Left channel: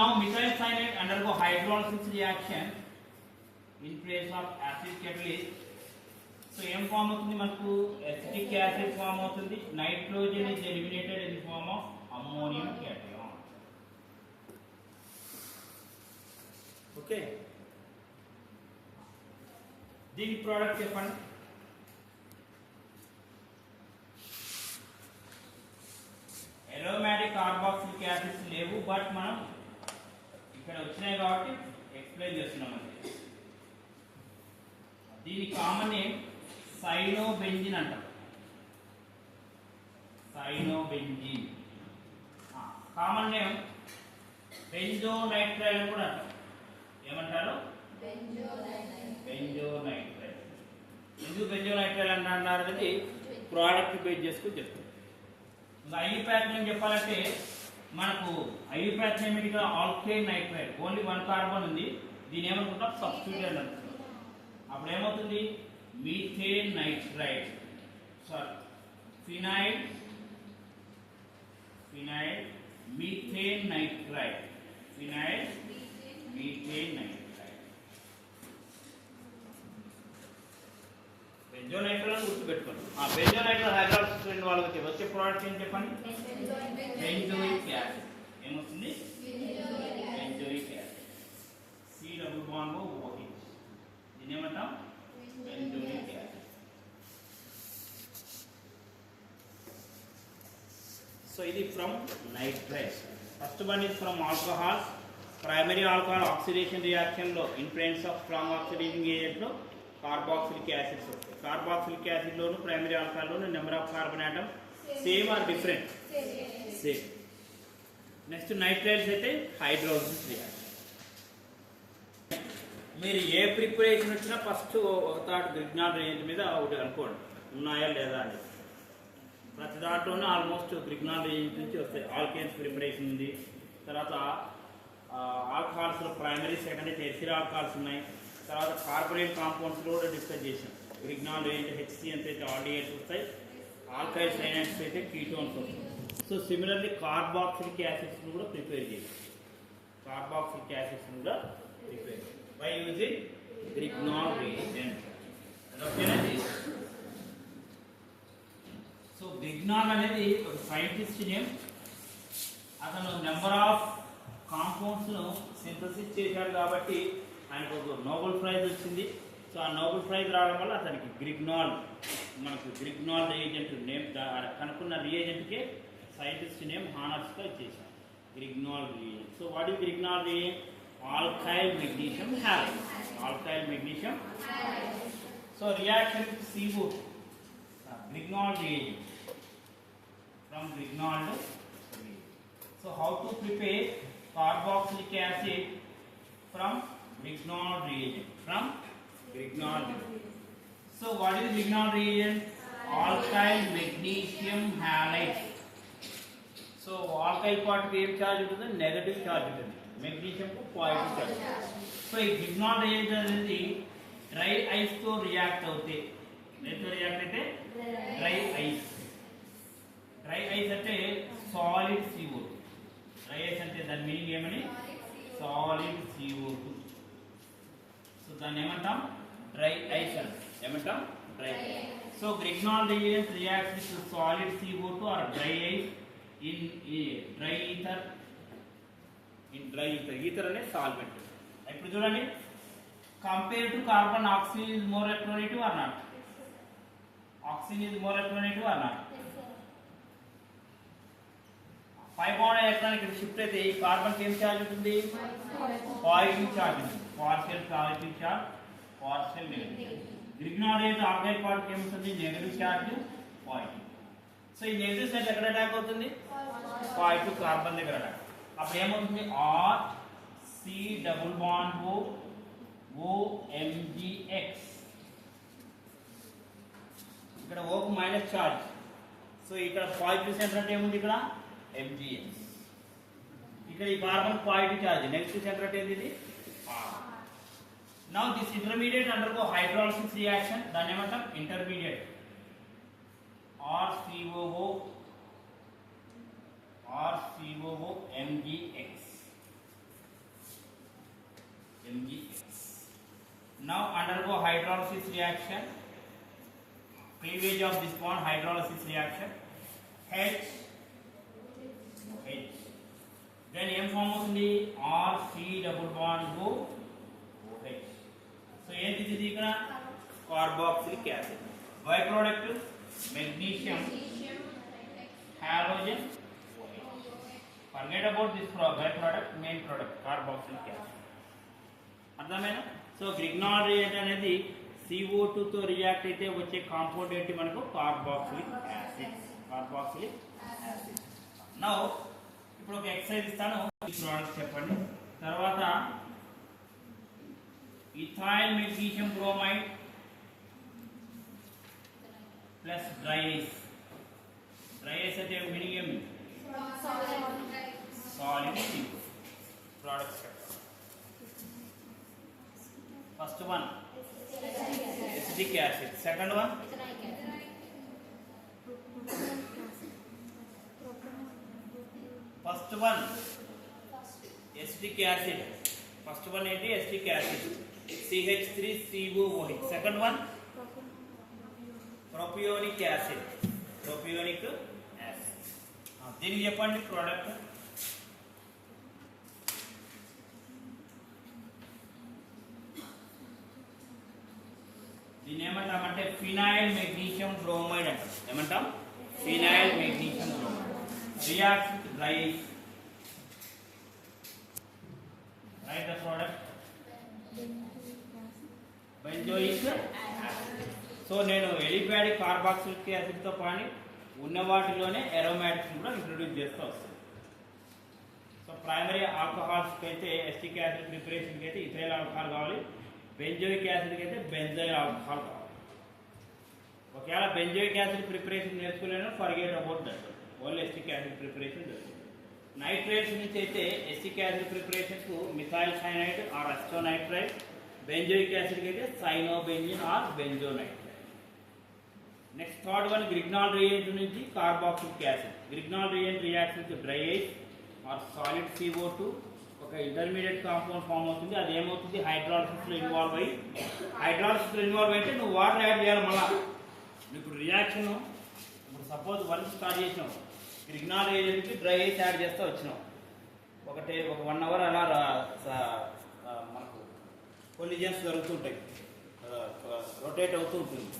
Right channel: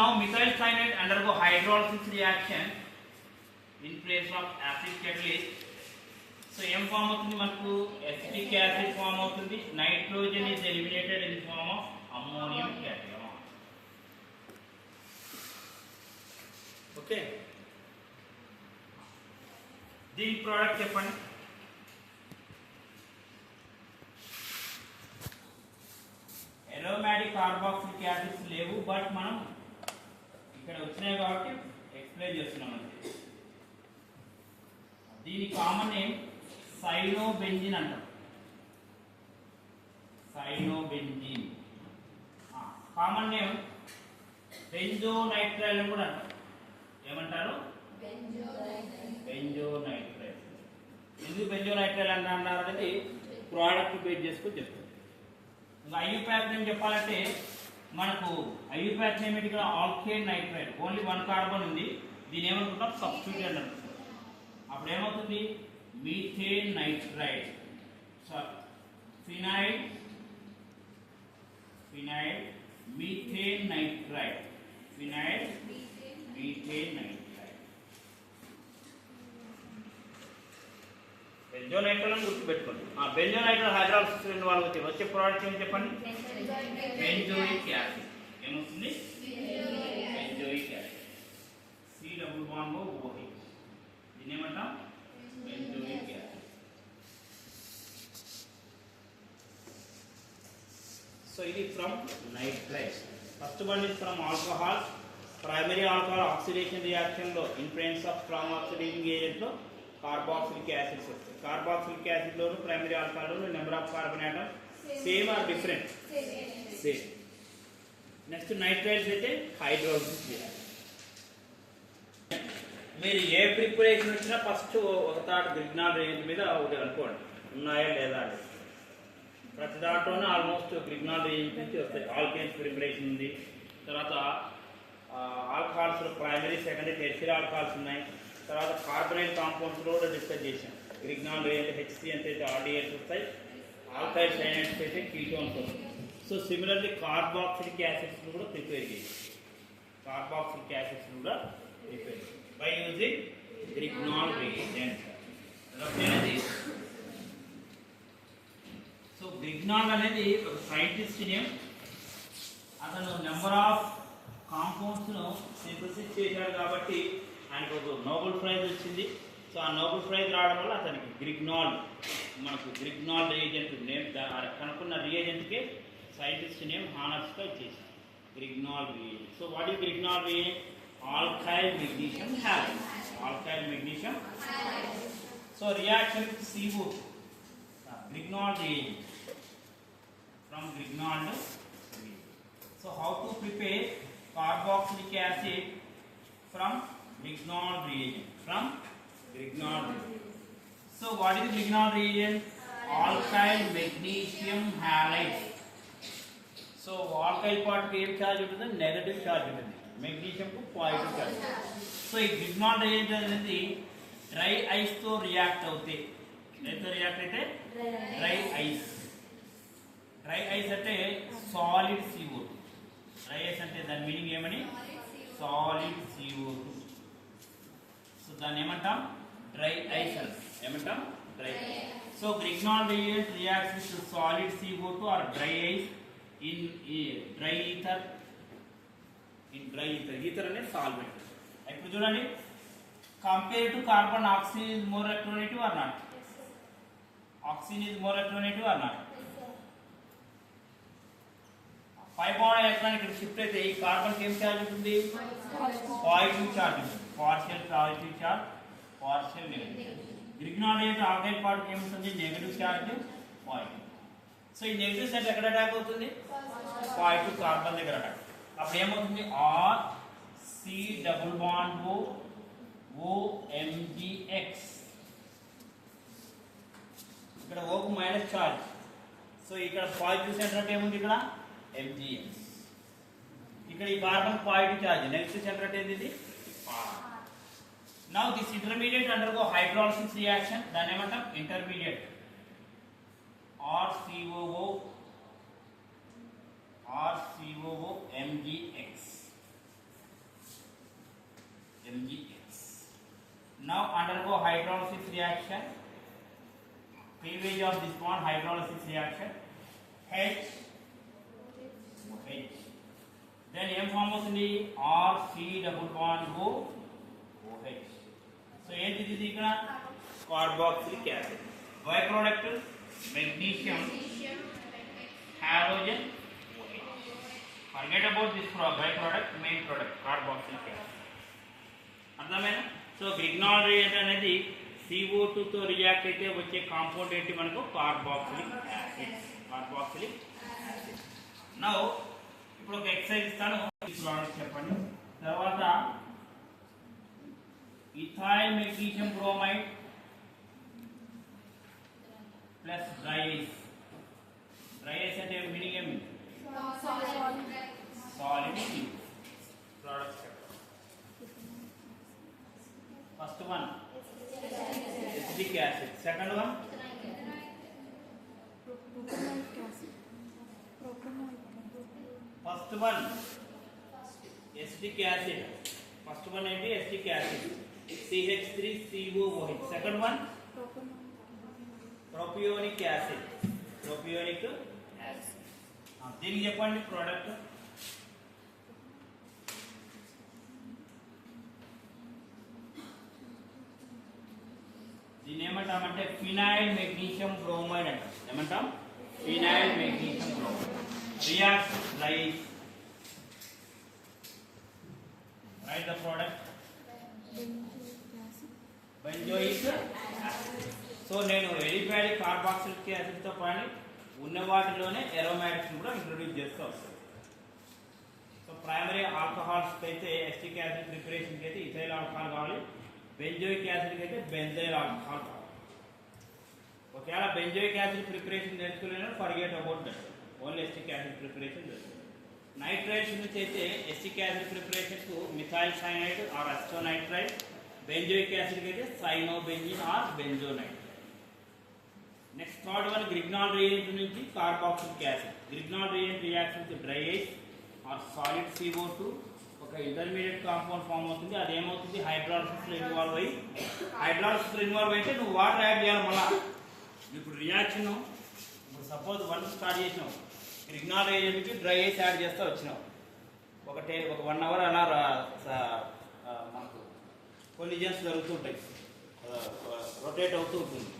now methyl cyanide undergo hydrolysis reaction in place of acid catalyst. So M form అవుతుంది మనకు acetic acid form అవుతుంది. Nitrogen is eliminated in the form of ammonium cation. Okay. దీని product చెప్పండి. aromatic carboxylic acids లేవు, but మనం ఇక్కడ వచ్చినాయి కాబట్టి ఎక్స్ప్లెయిన్ చేస్తున్నాం అంతే. దీని కామన్ నేమ్ సైనోబెంజిన్ అంటాం. సైనోబెంజిన్. కామన్ నేమ్ బెంజోనైట్రైల్ అని కూడా అంటాం. ఏమంటారు? బెంజోనైట్రైల్. ఎందుకు బెంజోనైట్రైల్ అన్నారు అనేది ప్రోడక్ట్ బేస్ చేసుకుని చెప్తాం. ఐయుప్రాథియం చెప్పాలంటే మనకు ఐయుప్రాథియం ఇక్కడ ఆల్కేన్ నైట్రైడ్, ఓన్లీ 1 కార్బన్ ఉంది. దీని ఏమనుకుంటాం? సబ్స్టిట్యూట్ అని అనుకుంటాం. అప్పుడు ఏమవుతుంది? Methane nitride, sorry phenyl methane nitride, phenyl methane nitride. Benzonitrile అని గుర్తుపెట్టుకోండి. బెంజోనైట్రైల్ హైడ్రాలిసిస్ వాళ్ళకి వచ్చే ప్రోడక్ట్ ఏం చెప్పండి? Benzoic acid. ఏమొస్తుంది? Benzoic acid. C double bond OH. దీన్ని ఏమంటాం? Benzoic acid. సో ఇది from nitrile. First one is from alcohol. Primary alcohol oxidation reaction లో in presence of strong oxidising agent లో కార్బాక్సిలిక్ యాసిడ్స్ వస్తాయి. Carboxylic acid లోను primary alcohol లోను number of carbon atom same or different? Same. Next nitriles అయితే hydrolysis reaction. మీరు ఏ preparation వచ్చినా first ఒక థాట్ గ్రిగ్నాల్ రేంజ్ మీద ఒకటి అనుకోండి, ఉన్నాయా లేదా అని. ప్రతి దాంట్లోనూ ఆల్మోస్ట్ గ్రిగ్నాల్ రేంజ్ నుంచి వస్తాయి. ఆల్కేన్స్ ప్రిపరేషన్ ఉంది, తర్వాత ఆల్కహాల్స్ లో ప్రైమరీ సెకండరీ టెర్షియరీ ఆల్కహాల్స్ ఉన్నాయి, తర్వాత కార్బోనేట్ కాంపౌండ్స్ లో కూడా డిస్కస్ చేసాం. గ్రిగ్నాల్ రేంజ్ హెచ్సి అంటే ఆర్డిఎస్ వస్తాయి, ఆల్కైల్ సైనైడ్స్ అయితే కీటోన్స్ వస్తాయి. సో సిమిలర్లీ కార్బాక్సిలిక్ యాసిడ్స్ కూడా ప్రిపేర్ చేయాలి. కార్బాక్సిలిక్ యాసిడ్స్ కూడా prepare by using Grignard reagent. So Grignard అనేది ఒక సైంటిస్ట్ నేమ్. అతను నెంబర్ ఆఫ్ కాంపౌండ్స్ ను సింథసిస్ చేశాడు కాబట్టి ఆయనకు ఒక నోబెల్ ప్రైజ్ వచ్చింది. సో ఆ నోబెల్ ప్రైజ్ రావడం వల్ల అతనికి గ్రిగ్నాల్, మనకు గ్రిగ్నాల్ రియేజెంట్ నేమ్ కనుక్కున్న రియేజెంట్కి సైంటిస్ట్ నేమ్ హానర్స్గా ఇచ్చేసాం, Grignard reagent. So what is Grignard reagent? Alkyl magnesium halide. Alkyl magnesium. So reaction with CO2, Grignard reagent from grignard reagent. So how to prepare carboxylic acid from grignard reagent? From grignard reagent. So what is grignard reagent? Alkyl magnesium halide. So alkyl part ki em charge untadi? Negative charge untadi. Magnesium ku positive charge. So ee grignard reagent anedi dry ice to react avute. Deto react aithe dry ice. Dry ice అంటే solid CO2. Dry ice అంటే దాని meaning ఏమని? Solid CO2. So దాన్ని ఏమంటాం? Dry ice అంటాం. ఏమంటాం? Dry ice. So Grignard reagent reacts with solid CO2 or dry ice in dry ether. Ether అనే solvent. ఇప్పుడు చూడండి, compare to carbon oxygen is more electronegative or not? Oxygen is more electronegative or not? 5 bond electron ఇక్కడ shift అయితే ఈ carbon ఏం charge ఉంటుంది? Positive charge ఉంటుంది. Partial positive charge, partial negative charge. Grignard reagent alkyl part ఏముంటుంది? Negative charge, positive. So ఈ negative charge ఎక్కడ attack అవుతుంది? పాజిటివ్ కార్బన్ దగ్గర అటాక్. అప్పుడు ఏమవుతుంది? R C double bond OMgX. ఇక్కడ O కు మైనస్ చార్జ్. సో ఇక్కడ పాజిటివ్ సెంటర్ అంటే ఏముంది? ఇక్కడ MgX. ఇక్కడ ఈ carbon positive charge, negative centre అంటే ఏంది? R. Now this intermediate undergo hydrolysis reaction. దాన్ని ఏమంటాం? Intermediate. RCOO MgX. Now undergo hydrolysis reaction. Cleavage of this bond, hydrolysis reaction. H. Then M form అవుతుంది RC double bond OH. So ఏంటిది ఇది ఇక్కడ carboxylic acid. By product magnesium halogen OH. Forget about this by product, main product carboxylic acid. అర్థమైనా? So Grignard reagent అనేది CO2 తో react అయితే వచ్చే compound ఏంటి మనకు carboxylic acid. Carboxylic acid. Now ఇప్పుడు ఒక ఎక్సర్సైజ్ ఇస్తాను, ఈ ప్రోడక్ట్ చెప్పండి. తర్వాత ethyl magnesium bromide plus dry ice. Dry ice అంటే మీనింగ్ ఏమి? Solid products. First one acetic acid, second one first one acetic acid. First one ఏంటి? Acetic acid CH3COOH. Second one propionic acid. Propionic acid. దీనికి చెప్పండి product. దీన్ని ఏమంటామంటే phenyl magnesium bromide అంటాం. ఏమంటాం? Phenyl magnesium bromide. React dry ice. Right the product benzoic acid. So నేను aliphatic carboxylic acid తో పాటు ఉన్న వాటిలోనే అరోమాటిక్స్ కూడా ఇంట్రొడ్యూస్ చేస్తూ వస్తాను. సో ప్రైమరీ ఆల్కహాల్స్కి అయితే ఎస్టిక్ యాసిడ్ ప్రిపరేషన్కి అయితే ఇథైల్ ఆల్కహాల్ కావాలి. బెంజోయిక్ యాసిడ్కి అయితే బెంజైల్ ఆల్కహాల్ కావాలి. ఒకవేళ బెంజోయిక్ యాసిడ్ ప్రిపరేషన్ నేర్చుకోలేను, forget about that. Only acetic acid preparation చేస్తుంది. నైట్రైడ్స్ నుంచి అయితే ఎస్టిక్ యాసిడ్ ప్రిపరేషన్కు methyl cyanide or acetonitride. Benzoic యాసిడ్కి అయితే cyanobenzene or benzonitride. Next third one Grignard reagent నుంచి carboxylic acid. Grignard reagent reaction with dry ice or solid CO2 ఒక intermediate compound form అవుతుంది. అది ఏమవుతుంది? హైడ్రాలసిస్లో ఇన్వాల్వ్ అయ్యి, హైడ్రాలసిస్లో ఇన్వాల్వ్ అయితే నువ్వు వాటర్ యాడ్ చేయాలి. మళ్ళీ ఇప్పుడు రియాక్షన్ ఇప్పుడు సపోజ్ వన్ స్టార్ట్ చేసినావు, గ్రిగ్నాల్ రియేజెంట్కి డ్రై ఐస్ యాడ్ చేస్తూ వచ్చినావు. ఒక 1 అవర్ అలా మనకు కొలిజన్స్ జరుగుతుంటాయి, రొటేట్ అవుతూ ఉంటుంది.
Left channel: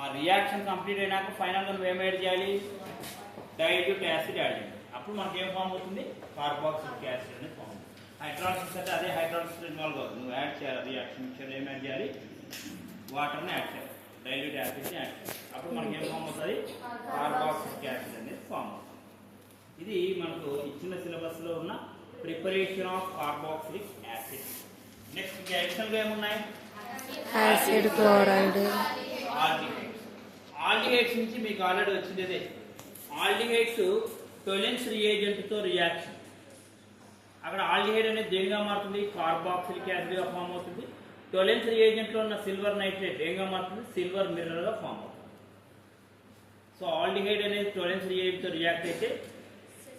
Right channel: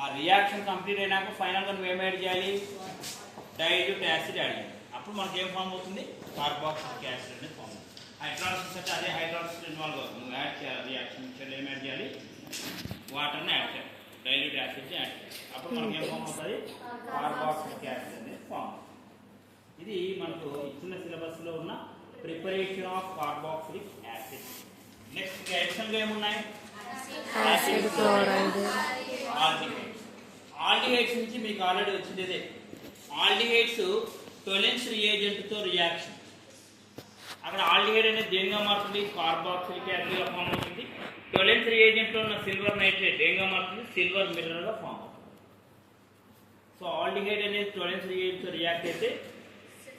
ఆ రియాక్షన్ కంప్లీట్ అయినాక ఫైనల్గా నువ్వు ఏం యాడ్ చేయాలి? డైల్యూట్ యాసిడ్ యాడ్ చేయాలి. అప్పుడు మనకి ఏం ఫామ్ అవుతుంది? కార్బాక్సిలిక్ యాసిడ్ అనేది ఫామ్ అవుతుంది. హైడ్రాలసిస్ అంటే అదే హైడ్రాలసిస్ ఇన్వాల్వ్ అవుతుంది. నువ్వు యాడ్ చేయాలి రియాక్షన్ మిక్చర్లో ఏం యాడ్ చేయాలి? వాటర్ని యాడ్ చేయాలి, డైల్యూట్ యాసిడ్ని యాడ్ చేయాలి. అప్పుడు మనకి ఏం ఫామ్ అవుతుంది? కార్బాక్సిలిక్ యాసిడ్ అనేది ఫామ్ అవుతుంది. ఇది మనకు ఇచ్చిన సిలబస్లో ఉన్న preparation of carboxylic acid. Next అడిషనల్గా ఏమున్నాయి? Acid, chloride, aldehydes. ఆల్డిహైడ్స్ నుంచి మీకు ఆల్రెడీ వచ్చిందే. ఆల్డిహైడ్స్ టోలెన్స్ రియేజెంట్తో రియాక్షన్. అక్కడ ఆల్డిహైడ్ అనేది దేనిగా మారుతుంది? కార్బాక్సిలిక్ యాసిడ్గా ఫామ్ అవుతుంది. టోలెన్స్ రియేజెంట్లో ఉన్న సిల్వర్ నైట్రేట్ దేనిగా మారుతుంది? సిల్వర్ మిర్రర్గా ఫామ్ అవుతుంది. సో ఆల్డిహైడ్ అనేది టోలెన్స్ రియేజెంట్తో రియాక్ట్ అయితే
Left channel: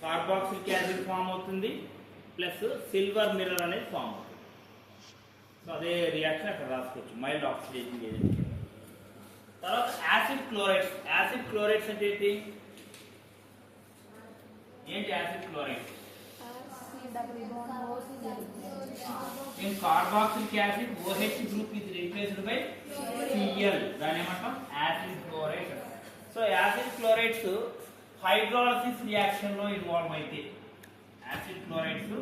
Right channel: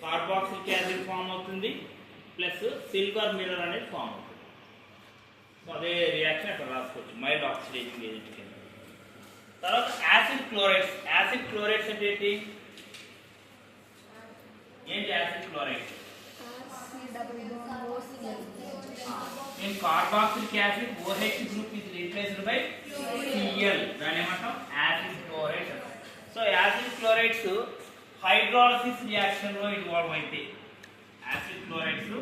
కార్బాక్సిలిక్ యాసిడ్ ఫామ్ అవుతుంది, ప్లస్ సిల్వర్ మిర్రర్ అనేది ఫామ్ అవుతుంది. సో అదే రియాక్షన్ అక్కడ రాసుకోవచ్చు, మైల్డ్ ఆక్సిడేటింగ్ ఏజెంట్. తర్వాత యాసిడ్ క్లోరైడ్స్. యాసిడ్ క్లోరైడ్స్ అంటే ఏంటి? Acid chloride in carboxylic acid OH group is replaced by Cl. దాని ఏమంటాం? Acid chloride. So acid chlorides hydrolysis reaction లో ఇన్వాల్వ్ అయితే, acid chlorides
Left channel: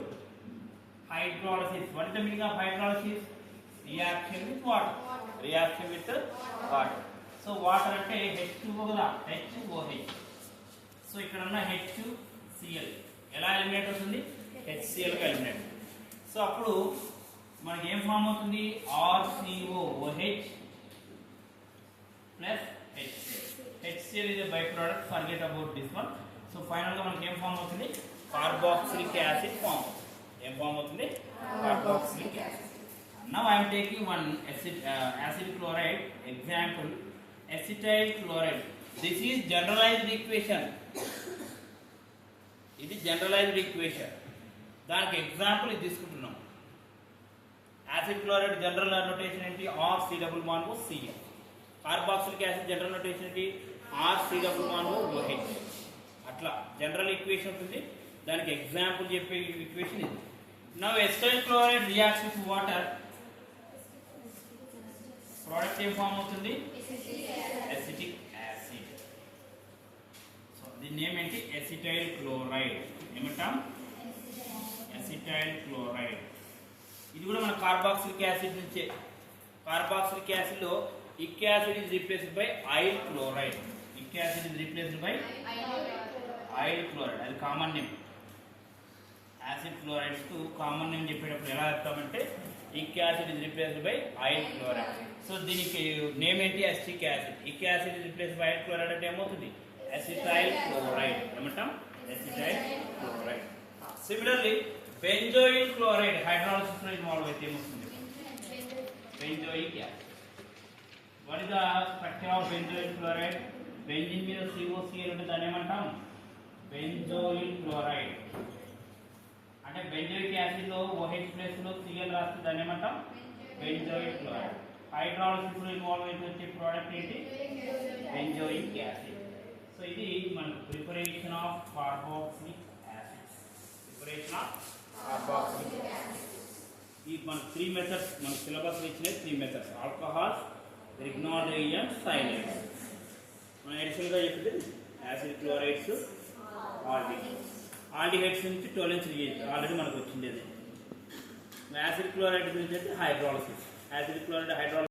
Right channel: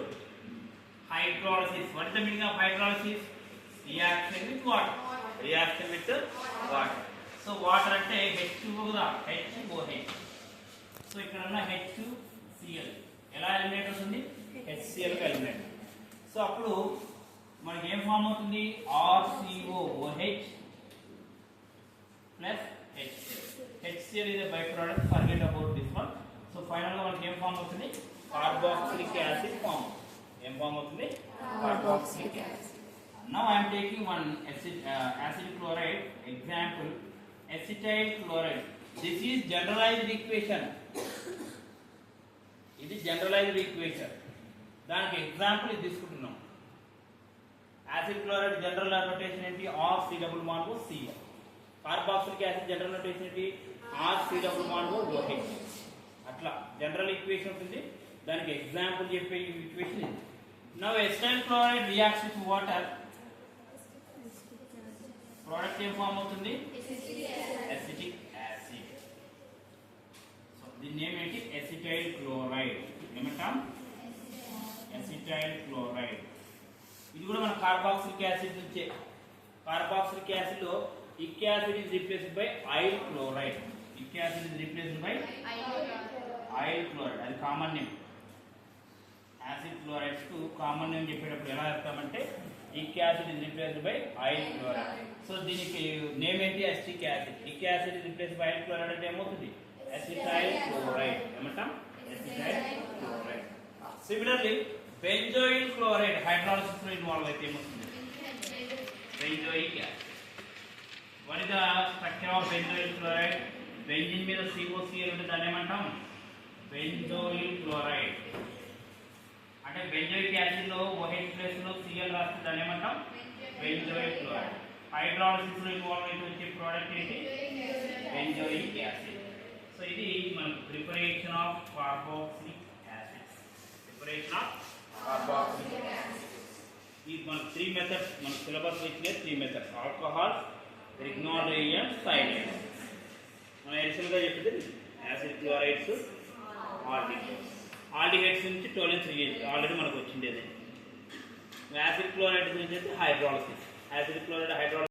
hydrolysis. What is the meaning of hydrolysis? Reaction with water. Reaction with water. So water అంటే H2O కదా, HOH. So ఇక్కడ ఉన్న HCl ఎలా eliminate అవుతుంది? HCl గా eliminate. So అప్పుడు మనకి ఏం ఫామ్ అవుతుంది? RCOOH plus HCl. HCl is a byproduct, forget about this one. So final గా మనకి ఏం ఫామ్ అవుతుంది? కార్బాక్సిలిక్ యాసిడ్ ఫామ్ అవుతుంది. ఏం ఫామ్ అవుతుంది? Carboxylic acid. Now I am taking one acid chloride example, acetyl chloride. This is generalized equation. ఇది generalised equation. దానికి example ఇది తీసుకుంటున్నాం. యాసిడ్ క్లోరైడ్ జనరల్ నోటేషన్ ఏంటి R C double bond C. Carboxylic acid general notation ఏంటి R C double bond OH. అట్లా general equation ఉంది, దానికి example చెప్పే ఈక్వేషన్ ఇది. Now acetyl chloride reacts with water, product ఏం ఫామ్ అవుతుంది ఎసిటిక్ యాసిడ్. సో దీని నేమ్ ఏంటి ఎసిటైల్ క్లోరైడ్. ఏమంటాం ఎసిటైల్ క్లోరైడ్. ఇది కూడా మన కార్బాక్సిలిక్ యాసిడ్ నుంచే. కార్బాక్సిలిక్ యాసిడ్ లో ఇక్ acid is replaced by oyl chloride. Ic acid is replaced by oyl chloride. అది కామన్ నేమ్. యాసిడ్ క్లోరైడ్స్ కు కామన్ నేమ్ చెప్పేటప్పుడు ఎలా చెప్తామంటే ic acid is replaced by oyl chloride. So దీనికి name ఏంటి acetic acid. Ic acid is replaced by oyl chloride అంటే ఏమవుతుంది acetyl chloride. ఏమంటాం acetyl chloride. Similarly benzoyl chloride hydrolysis లో ఇన్వాల్వ్ అయితే ఏమవుతుంది benzoic acid. What is the structure of benzoyl chloride? Benzene మీద COCl ఉంటే దాన్ని ఏమంటాం బెంజోయిల్ క్లోరైడ్. అంటే బెంజోయిక్ యాసిడ్ లో OH ప్లస్ లో Cl రాస్తే దాన్ని ఏమంటాం బెంజోయిక్ క్లోరైడ్. హైడ్రాలసిస్ లో ఇన్వాల్వ్ అయితే వచ్చే ప్రోడక్ట్ ఏంటి బెంజోయిక్ యాసిడ్. సో ఇది మనకు preparation of carboxylic acid. Preparation of carboxylic acid. ఈ మన 3 మెథడ్స్ మన సిలబస్ ఇచ్చిన 3 మెథడ్స్ ఆల్కహాల్స్, రిగ్నాల్ రియేజెంట్స్, సైనైడ్స్. మన ఎడిషనల్ గా చెప్పింది యాసిడ్ క్లోరైడ్స్, ఆల్డిహైడ్స్. ఆల్డిహైడ్స్ నుంచి టోలెన్స్ రియేజెంట్ ఆల్రెడీ మనకు వచ్చింది. అది యాసిడ్ క్లోరైడ్ నుంచి హైడ్రాలసిస్. Acid chloride hydrolysis